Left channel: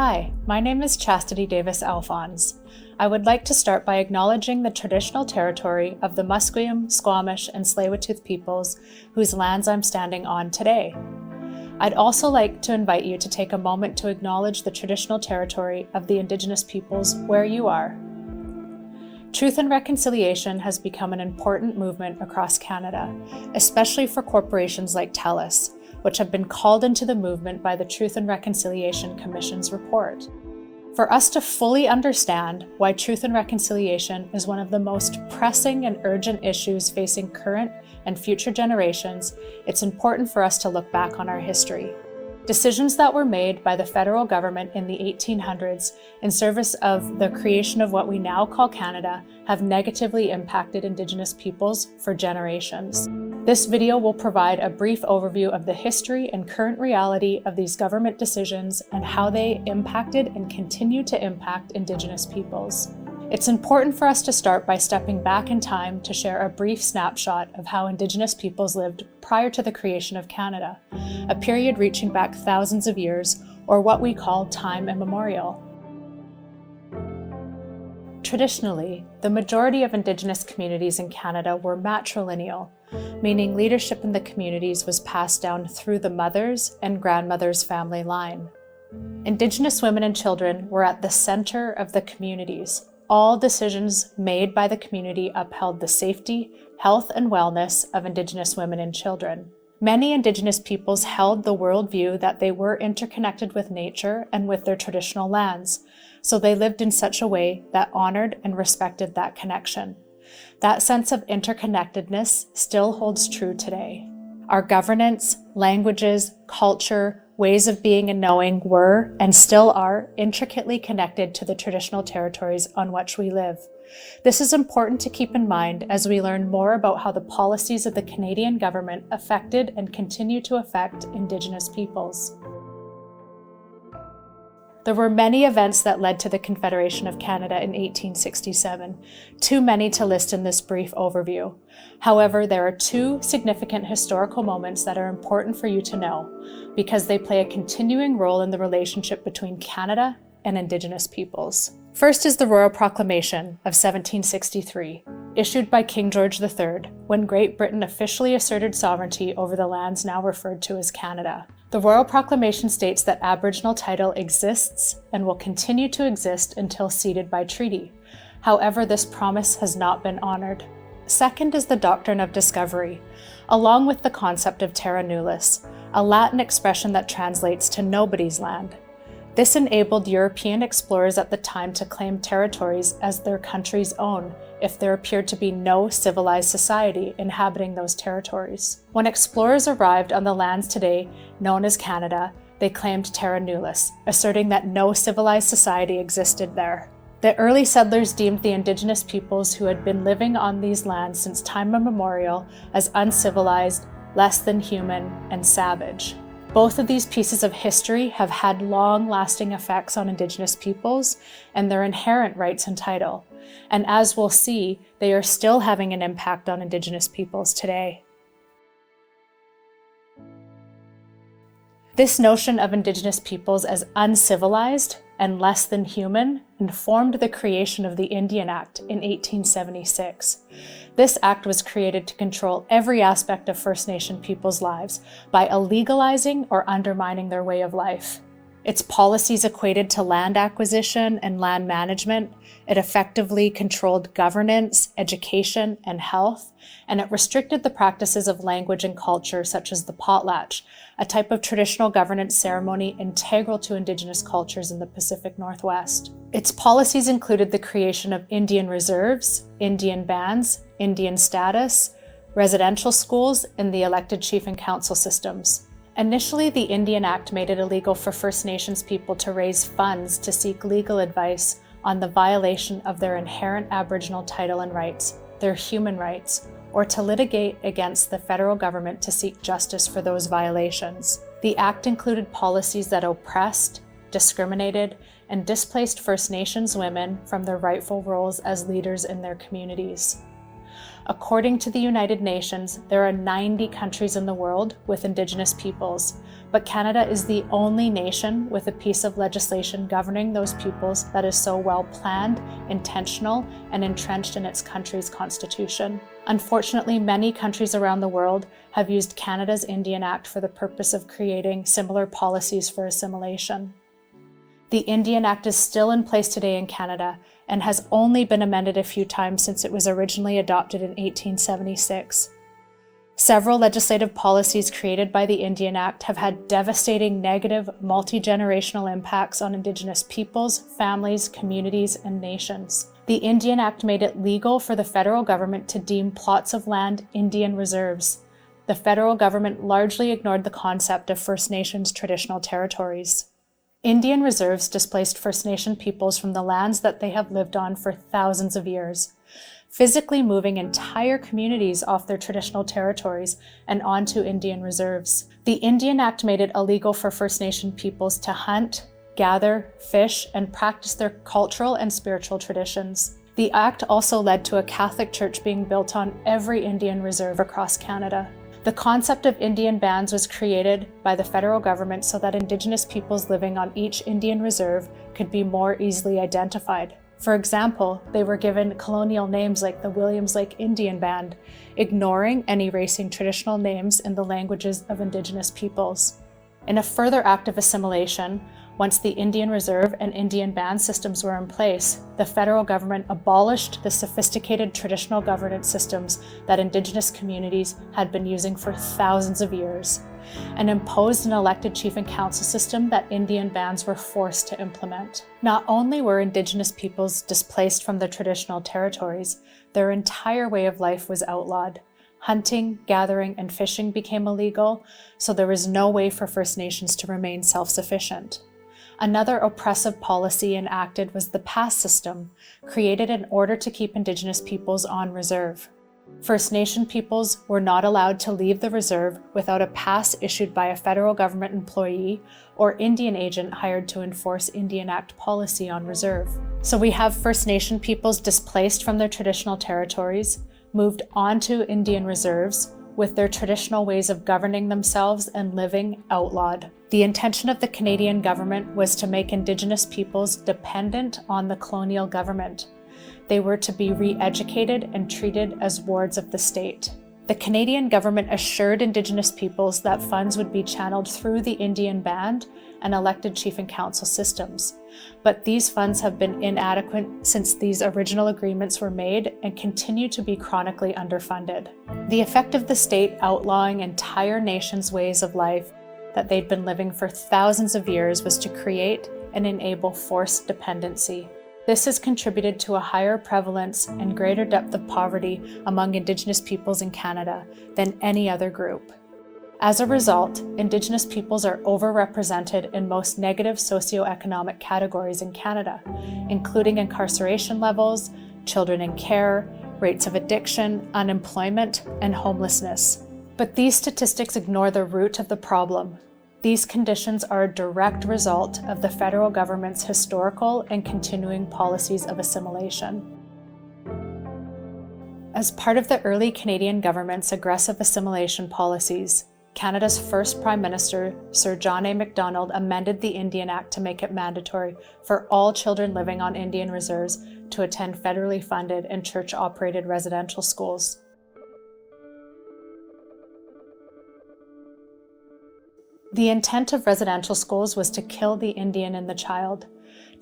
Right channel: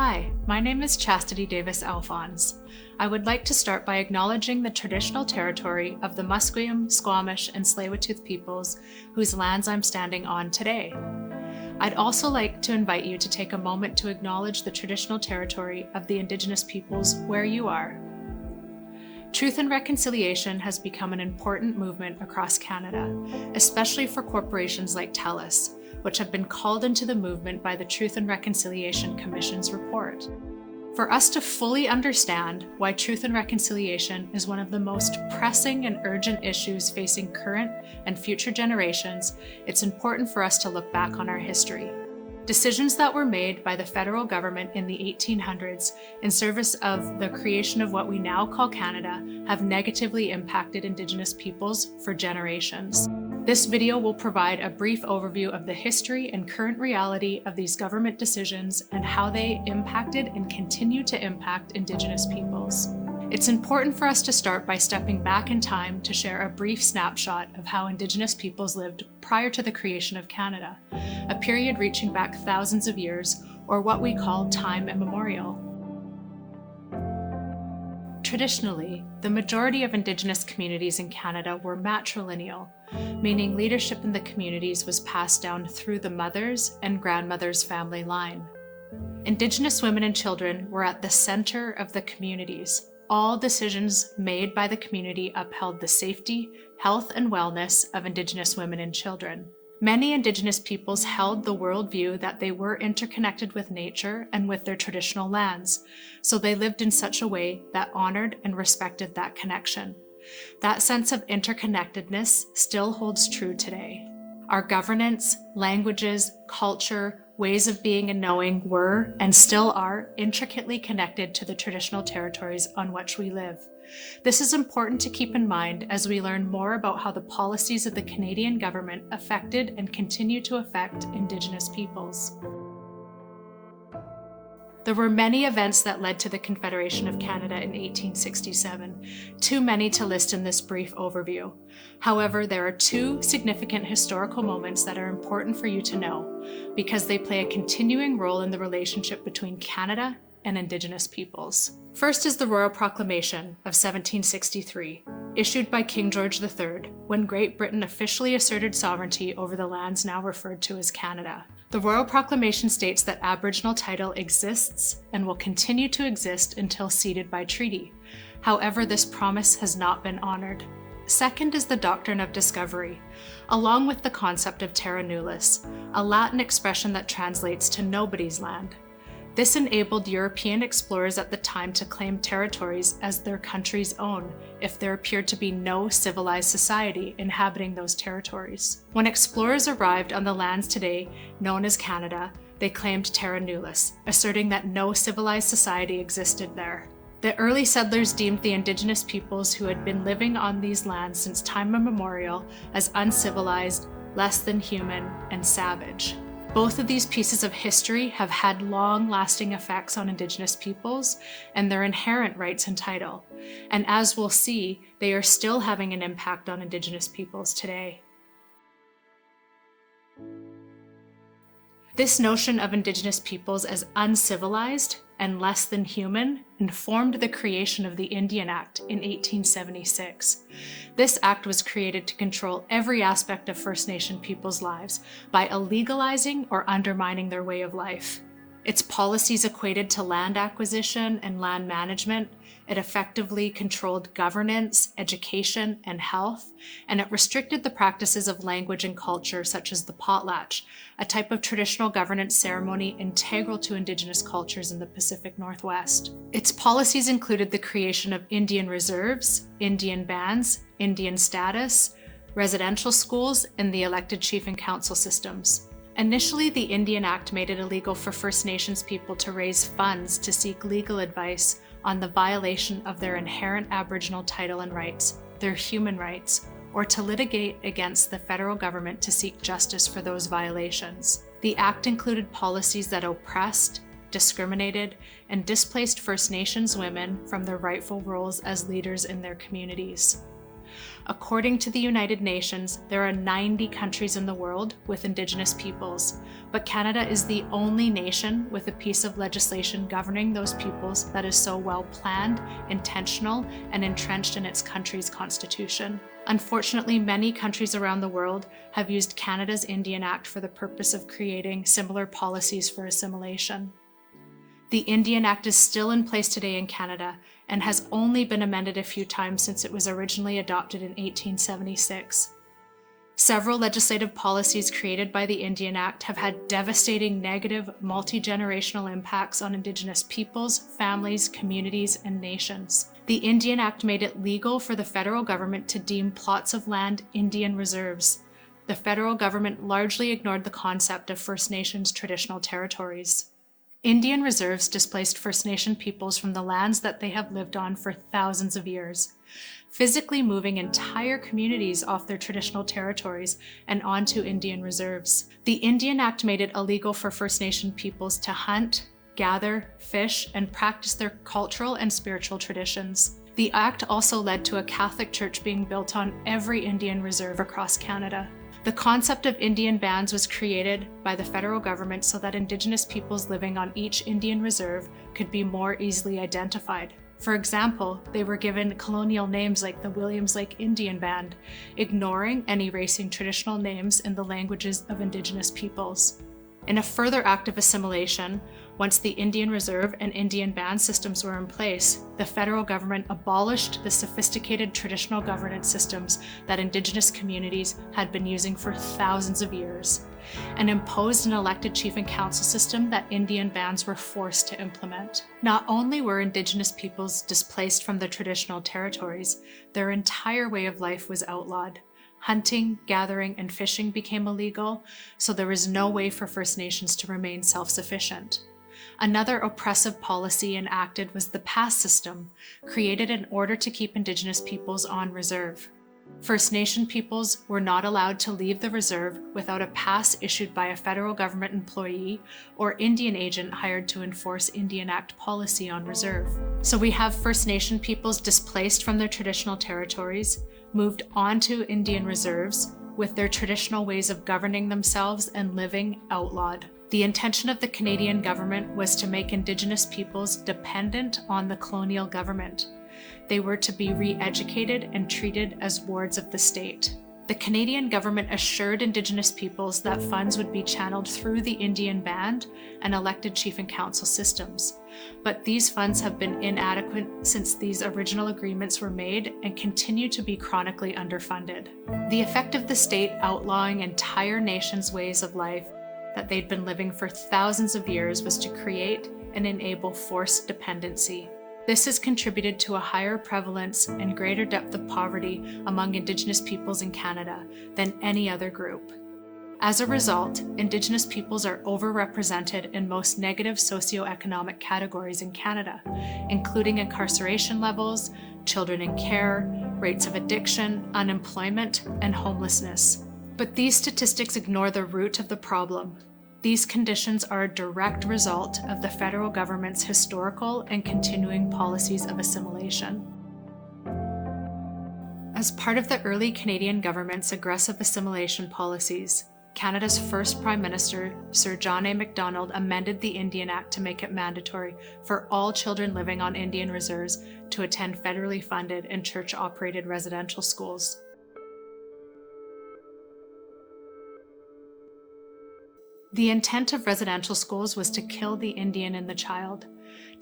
Hi, my name is Chastity Davis Alphonse. I would like to start by acknowledging the traditional territory of the Musqueam, Squamish, and Tsleil-Waututh peoples whose lands I'm standing on today. I'd also like to invite you to take a moment to acknowledge the traditional territory of the Indigenous peoples where you are. Truth and reconciliation has become an important movement across Canada, especially for corporations like TELUS, which have been called into the movement by the Truth and Reconciliation Commission's report. For us to fully understand why truth and reconciliation is one of the most pressing and urgent issues facing current and future generations, it's important for us to look back on our history. Decisions that were made by the federal government in the 1800s in service of the creation of what we now call Canada have negatively impacted Indigenous peoples for generations. This video will provide a brief overview of the history and current reality of these government decisions and how they impacted and continue to impact Indigenous peoples. It's important for us to start by stepping back in time to share a brief snapshot of how Indigenous peoples lived prior to the creation of Canada, a period reaching back thousands of years, or what we call time immemorial. Traditionally, the majority of Indigenous communities in Canada were matrilineal, meaning leadership in the communities was passed down through the mother's and grandmother's family line. Indigenous women and children were at the center of the communities. All decisions made by the community upheld the safety, health, and wellness of Indigenous women and children. Many Indigenous peoples held the worldview that they were interconnected with nature and with their traditional lands, so they lived in such a way that honored and respected that connection. That sense of interconnectedness still holds true today. Our governance, languages, culture, ways of being and knowing were, and still are, intricately connected to the traditional territories on which we live. This is important to keep in mind as we learn more about how the policies of the Canadian government affected and continue to affect Indigenous peoples. There were many events that led to the Confederation of Canada in 1867, too many to list in this brief overview. However, there are two significant historical moments that are important for you to know, because they play a continuing role in the relationship between Canada and Indigenous peoples. First is the Royal Proclamation of 1763, issued by King George III, when Great Britain officially asserted sovereignty over the lands now referred to as Canada. The Royal Proclamation states that Aboriginal title exists and will continue to exist until ceded by treaty. However, this promise has not been honored. Second is the doctrine of discovery, along with the concept of terra nullius, a Latin expression that translates to nobody's land. This enabled European explorers at the time to claim territories as their country's own if there appeared to be no civilized society inhabiting those territories. When explorers arrived on the lands today known as Canada, they claimed terra nullius, asserting that no civilized society existed there. The early settlers deemed the Indigenous peoples who had been living on these lands since time immemorial as uncivilized, less than human, and savage. Both of these pieces of history have had long-lasting effects on Indigenous peoples and their inherent rights and title. And as we'll see, they are still having an impact on Indigenous peoples today. This notion of Indigenous peoples as uncivilized and less than human informed the creation of the Indian Act in 1876. This act was created to control every aspect of First Nation peoples' lives by illegalizing or undermining their way of life. Its policies equated to land acquisition and land management. It effectively controlled governance, education, and health, and it restricted the practices of language and culture such as the potlatch, a type of traditional governance ceremony integral to Indigenous cultures in the Pacific Northwest. Its policies included the creation of Indian reserves, Indian bands, Indian status, residential schools, and the elected chief and council systems. Initially, the Indian Act made it illegal for First Nations people to raise funds to seek legal advice on the violation of their inherent Aboriginal title and rights, their human rights, or to litigate against the federal government to seek justice for those violations. The Act included policies that oppressed, discriminated, and displaced First Nations women from their rightful roles as leaders in their communities. According to the United Nations, there are 90 countries in the world with Indigenous peoples, but Canada is the only nation with a piece of legislation governing those peoples that is so well planned, intentional, and entrenched in its country's constitution. Unfortunately, many countries around the world have used Canada's Indian Act for the purpose of creating similar policies for assimilation. The Indian Act is still in place today in Canada and has only been amended a few times since it was originally adopted in 1876. Several legislative policies created by the Indian Act have had devastating negative multi-generational impacts on Indigenous peoples, families, communities, and nations. The Indian Act made it legal for the federal government to deem plots of land Indian reserves. The federal government largely ignored the concept of First Nations traditional territories. Indian reserves displaced First Nation peoples from the lands that they have lived on for thousands of years, physically moving entire communities off their traditional territories and onto Indian reserves. The Indian Act made it illegal for First Nation peoples to hunt, gather, fish, and practice their cultural and spiritual traditions. The Act also led to a Catholic church being built on every Indian reserve across Canada. The concept of Indian bands was created by the federal government so that Indigenous peoples living on each Indian reserve could be more easily identified. For example, they were given colonial names like the Williams Lake Indian Band, ignoring and erasing traditional names in the languages of Indigenous peoples. In a further act of assimilation, once the Indian Reserve and Indian band systems were in place, the federal government abolished the sophisticated traditional governance systems that Indigenous communities had been using for thousands of years, and imposed an elected chief and council system that Indian bands were forced to implement. Not only were Indigenous peoples displaced from their traditional territories, their entire way of life was outlawed. Hunting, gathering, and fishing became illegal, so there was no way for First Nations to remain self-sufficient. Another oppressive policy enacted was the pass system, created in order to keep Indigenous peoples on reserve. First Nation peoples were not allowed to leave the reserve without a pass issued by a federal government employee or Indian agent hired to enforce Indian Act policy on reserve. So we have First Nation peoples displaced from their traditional territories, moved onto Indian reserves, with their traditional ways of governing themselves and living outlawed. The intention of the Canadian government was to make Indigenous peoples dependent on the colonial government. They were to be re-educated and treated as wards of the state. The Canadian government assured Indigenous peoples that funds would be channeled through the Indian Band and elected chief and council systems. But these funds have been inadequate since these original agreements were made and continue to be chronically underfunded. The effect of the state outlawing entire nations' ways of life that they'd been living for thousands of years was to create and enable forced dependency. This has contributed to a higher prevalence and greater depth of poverty among Indigenous peoples in Canada than any other group. As a result, Indigenous peoples are overrepresented in most negative socioeconomic categories in Canada, including incarceration levels, children in care, rates of addiction, unemployment, and homelessness. But these statistics ignore the root of the problem. These conditions are a direct result of the federal government's historical and continuing policies of assimilation. As part of the early Canadian government's aggressive assimilation policies, Canada's first Prime Minister, Sir John A. Macdonald, amended the Indian Act to make it mandatory for all children living on Indian reserves to attend federally funded and church-operated residential schools. The intent of residential schools was to kill the Indian in the child,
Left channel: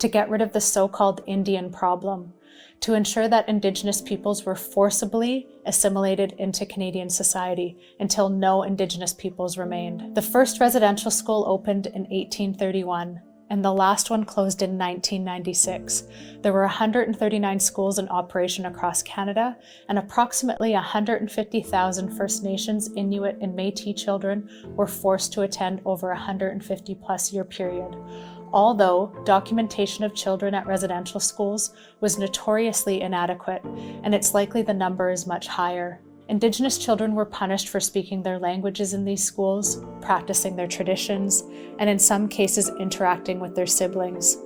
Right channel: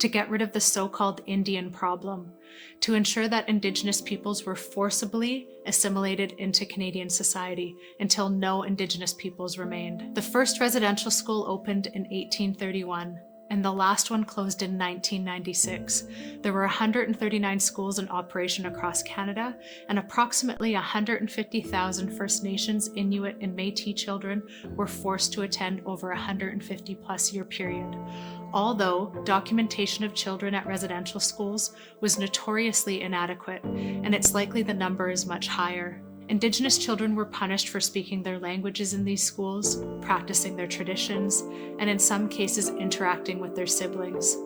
to get rid of the so-called Indian problem, to ensure that Indigenous peoples were forcibly assimilated into Canadian society until no Indigenous peoples remained. The first residential school opened in 1831, and the last one closed in 1996. There were 139 schools in operation across Canada, and approximately 150,000 First Nations, Inuit, and Métis children were forced to attend over a 150-plus year period. Although documentation of children at residential schools was notoriously inadequate, and it's likely the number is much higher. Indigenous children were punished for speaking their languages in these schools, practicing their traditions, and in some cases interacting with their siblings.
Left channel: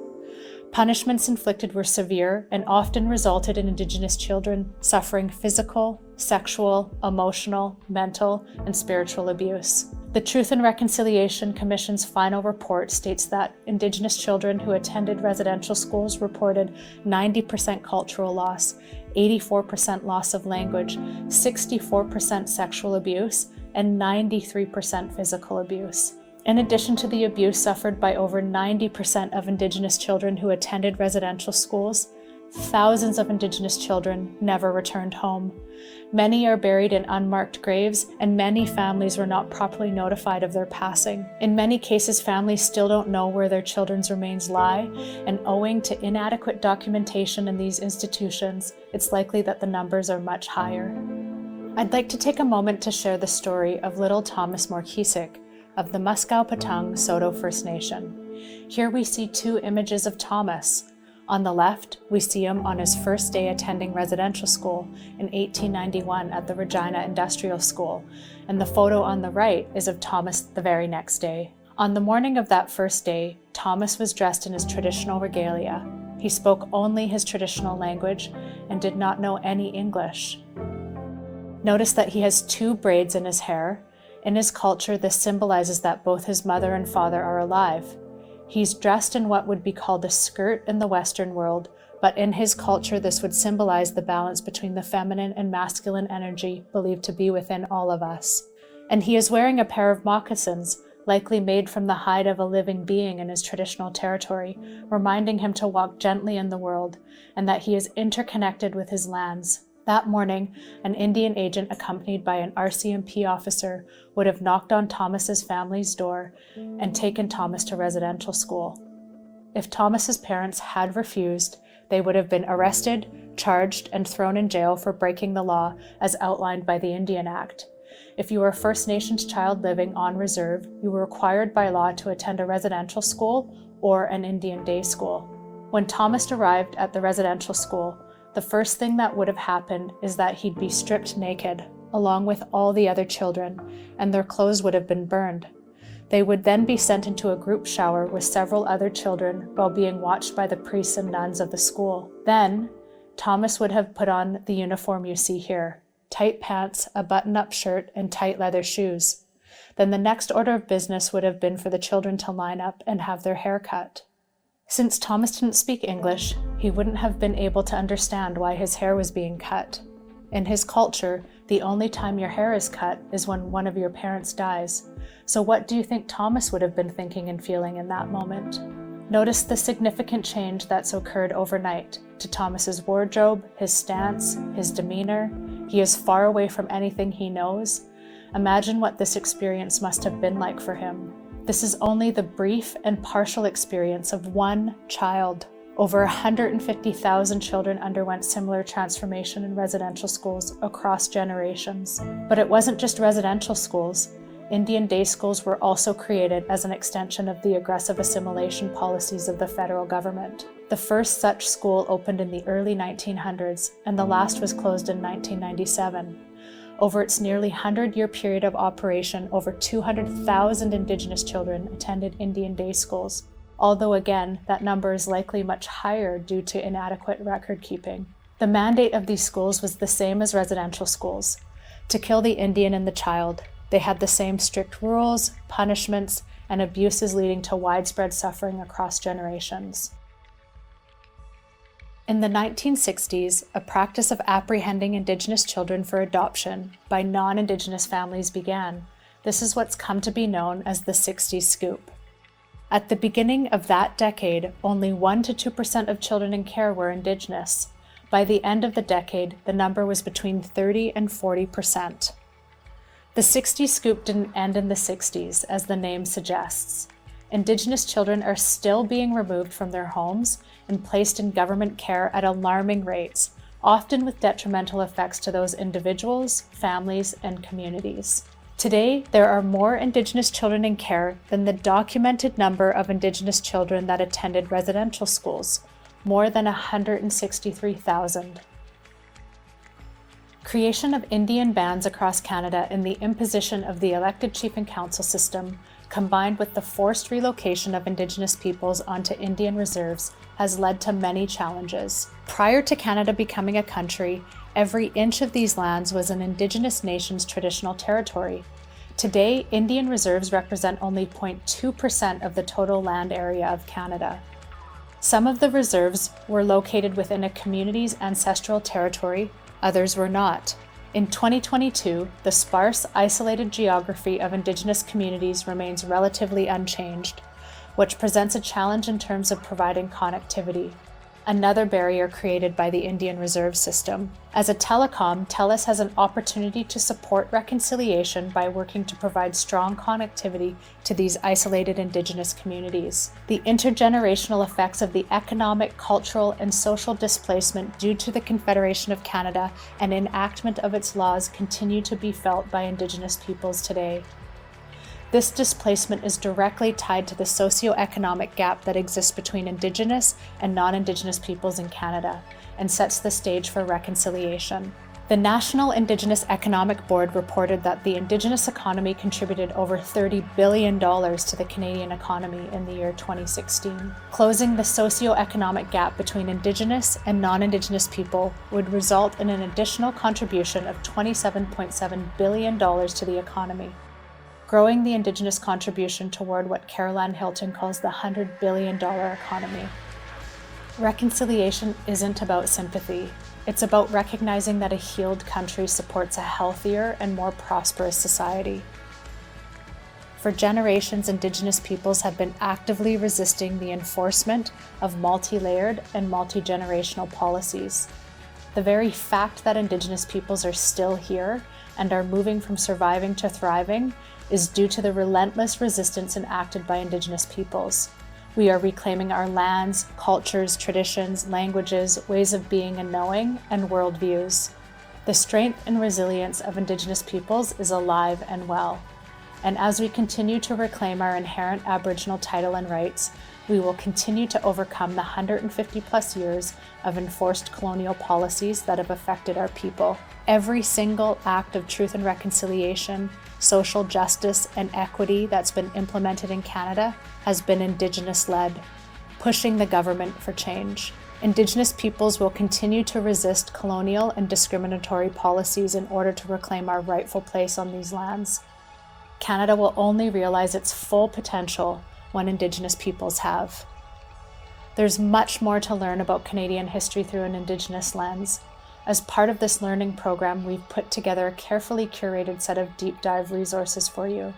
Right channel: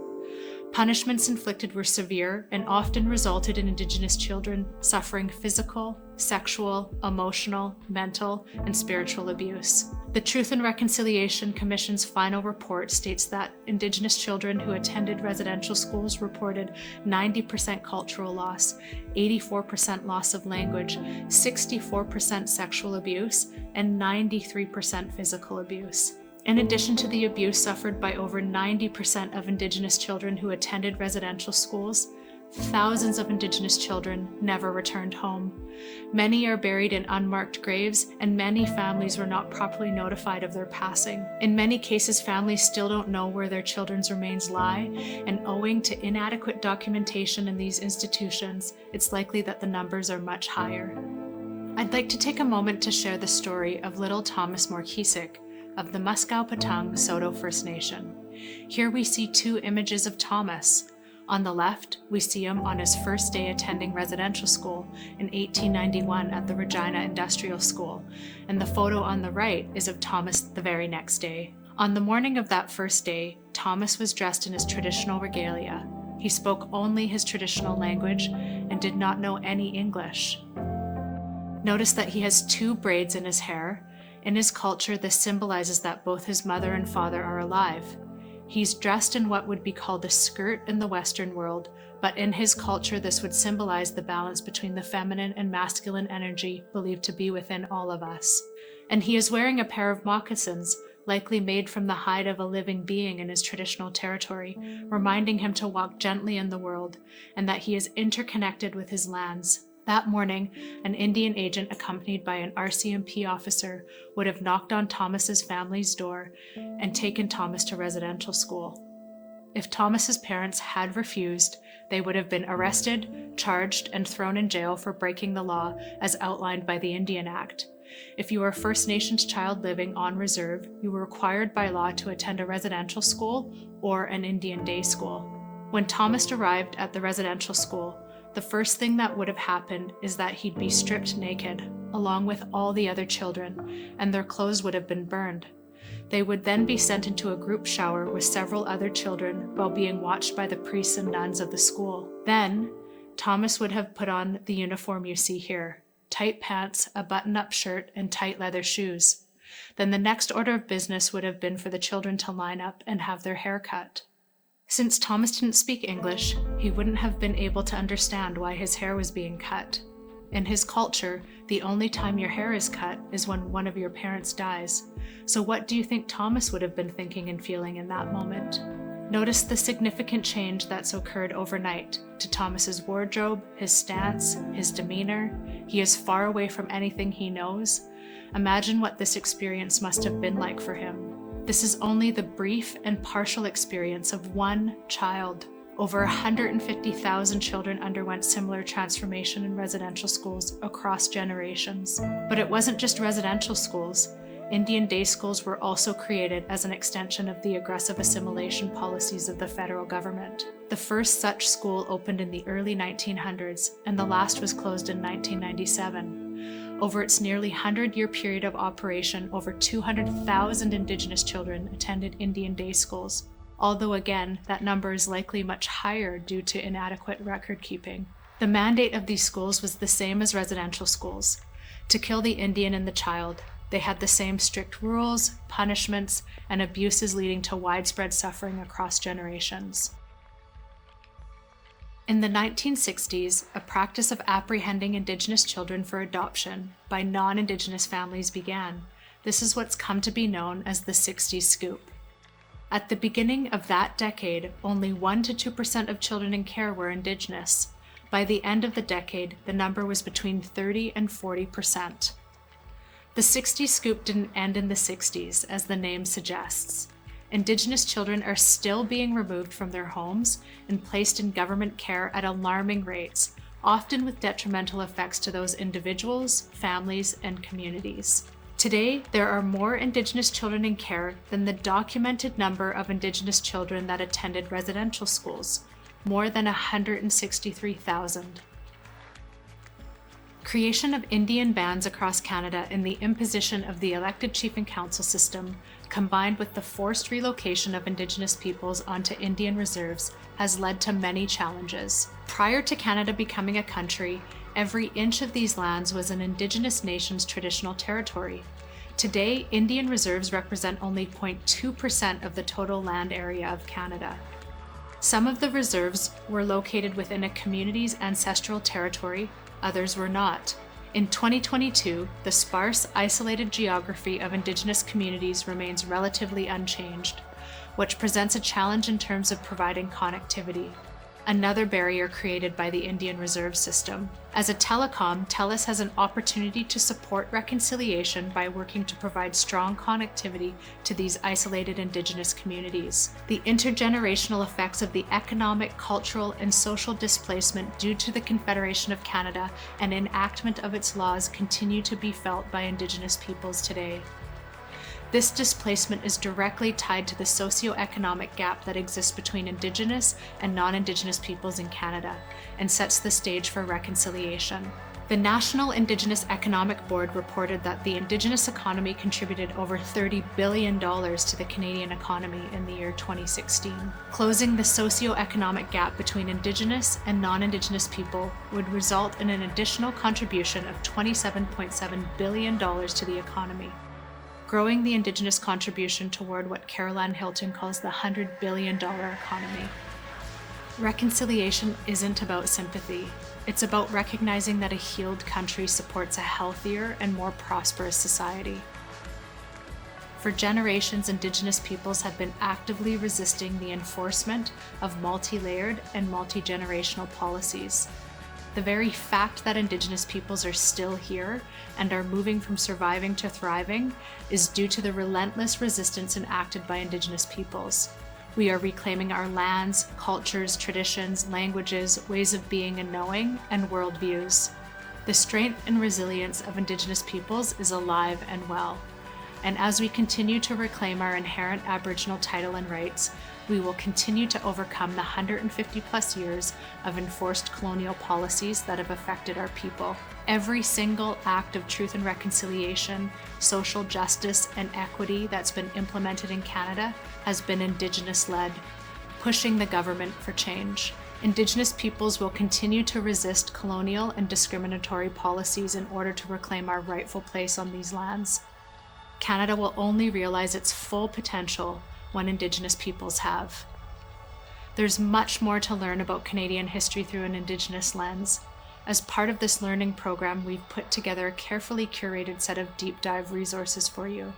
Punishments inflicted were severe and often resulted in Indigenous children suffering physical, sexual, emotional, mental, and spiritual abuse. The Truth and Reconciliation Commission's final report states that Indigenous children who attended residential schools reported 90% cultural loss, 84% loss of language, 64% sexual abuse, and 93% physical abuse. In addition to the abuse suffered by over 90% of Indigenous children who attended residential schools, thousands of Indigenous children never returned home. Many are buried in unmarked graves, and many families were not properly notified of their passing. In many cases, families still don't know where their children's remains lie, and owing to inadequate documentation in these institutions, it's likely that the numbers are much higher. I'd like to take a moment to share the story of little Thomas Morkisik of the Muskow Patang Saulteaux First Nation. Here we see two images of Thomas. On the left, we see him on his first day attending residential school in 1891 at the Regina Industrial School, and the photo on the right is of Thomas the very next day. On the morning of that first day, Thomas was dressed in his traditional regalia. He spoke only his traditional language and did not know any English. Notice that he has two braids in his hair. In his culture, this symbolizes that both his mother and father are alive. He's dressed in what would be called a skirt in the Western world, but in his culture, this would symbolize the balance between the feminine and masculine energy believed to be within all of us. And he is wearing a pair of moccasins, likely made from the hide of a living being in his traditional territory, reminding him to walk gently in the world and that he is interconnected with his lands. That morning, an Indian agent accompanied by an RCMP officer would have knocked on Thomas's family's door and taken Thomas to residential school. If Thomas's parents had refused, they would have been arrested, charged, and thrown in jail for breaking the law as outlined by the Indian Act. If you were a First Nations child living on reserve, you were required by law to attend a residential school or an Indian day school. When Thomas arrived at the residential school, the first thing that would have happened is that he'd be stripped naked, along with all the other children, and their clothes would have been burned. They would then be sent into a group shower with several other children while being watched by the priests and nuns of the school. Then, Thomas would have put on the uniform you see here: tight pants, a button-up shirt, and tight leather shoes. Then the next order of business would have been for the children to line up and have their hair cut. Since Thomas didn't speak English, he wouldn't have been able to understand why his hair was being cut. In his culture, the only time your hair is cut is when one of your parents dies. So what do you think Thomas would have been thinking and feeling in that moment? Notice the significant change that's occurred overnight to Thomas's wardrobe, his stance, his demeanor. He is far away from anything he knows. Imagine what this experience must have been like for him. This is only the brief and partial experience of one child. Over 150,000 children underwent similar transformation in residential schools across generations. But it wasn't just residential schools. Indian day schools were also created as an extension of the aggressive assimilation policies of the federal government. The first such school opened in the early 1900s, and the last was closed in 1997. Over its nearly 100-year period of operation, over 200,000 Indigenous children attended Indian day schools, although again, that number is likely much higher due to inadequate record keeping. The mandate of these schools was the same as residential schools: to kill the Indian and the child. They had the same strict rules, punishments, and abuses leading to widespread suffering across generations. In the 1960s, a practice of apprehending Indigenous children for adoption by non-Indigenous families began. This is what's come to be known as the 60s scoop. At the beginning of that decade, only 1% to 2% of children in care were Indigenous. By the end of the decade, the number was between 30% and 40%. The 60s scoop didn't end in the 60s, as the name suggests. Indigenous children are still being removed from their homes and placed in government care at alarming rates, often with detrimental effects to those individuals, families, and communities. Today, there are more Indigenous children in care than the documented number of Indigenous children that attended residential schools, more than 163,000. Creation of Indian bands across Canada and the imposition of the elected chief and council system combined with the forced relocation of Indigenous peoples onto Indian reserves, has led to many challenges. Prior to Canada becoming a country, every inch of these lands was an Indigenous nation's traditional territory. Today, Indian reserves represent only 0.2% of the total land area of Canada. Some of the reserves were located within a community's ancestral territory, others were not. In 2022, the sparse, isolated geography of Indigenous communities remains relatively unchanged, which presents a challenge in terms of providing connectivity, another barrier created by the Indian Reserve System. As a telecom, TELUS has an opportunity to support reconciliation by working to provide strong connectivity to these isolated Indigenous communities. The intergenerational effects of the economic, cultural, and social displacement due to the Confederation of Canada and enactment of its laws continue to be felt by Indigenous peoples today. This displacement is directly tied to the socio-economic gap that exists between Indigenous and non-Indigenous peoples in Canada and sets the stage for reconciliation. The National Indigenous Economic Board reported that the Indigenous economy contributed over $30 billion to the Canadian economy in the year 2016. Closing the socio-economic gap between Indigenous and non-Indigenous people would result in an additional contribution of $27.7 billion to the economy, growing the Indigenous contribution toward what Caroline Hilton calls the $100 billion economy. Reconciliation isn't about sympathy. It's about recognizing that a healed country supports a healthier and more prosperous society. For generations, Indigenous peoples have been actively resisting the enforcement of multi-layered and multi-generational policies. The very fact that Indigenous peoples are still here and are moving from surviving to thriving is due to the relentless resistance enacted by Indigenous peoples. We are reclaiming our lands, cultures, traditions, languages, ways of being and knowing, and worldviews. The strength and resilience of Indigenous peoples is alive and well. And as we continue to reclaim our inherent Aboriginal title and rights, we will continue to overcome the 150 plus years of enforced colonial policies that have affected our people. Every single act of truth and reconciliation, social justice, and equity that's been implemented in Canada has been Indigenous-led, pushing the government for change. Indigenous peoples will continue to resist colonial and discriminatory policies in order to reclaim our rightful place on these lands. Canada will only realize its full potential when Indigenous peoples have. There's much more to learn about Canadian history through an Indigenous lens. As part of this learning program, we've put together a carefully curated set of deep dive resources for you.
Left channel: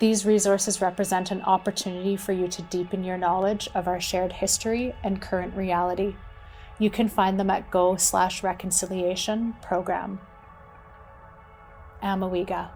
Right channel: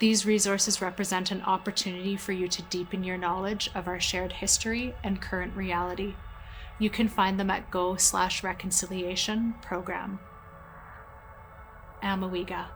These resources represent an opportunity for you to deepen your knowledge of our shared history and current reality. You can find them at go/reconciliation program. Amawiga.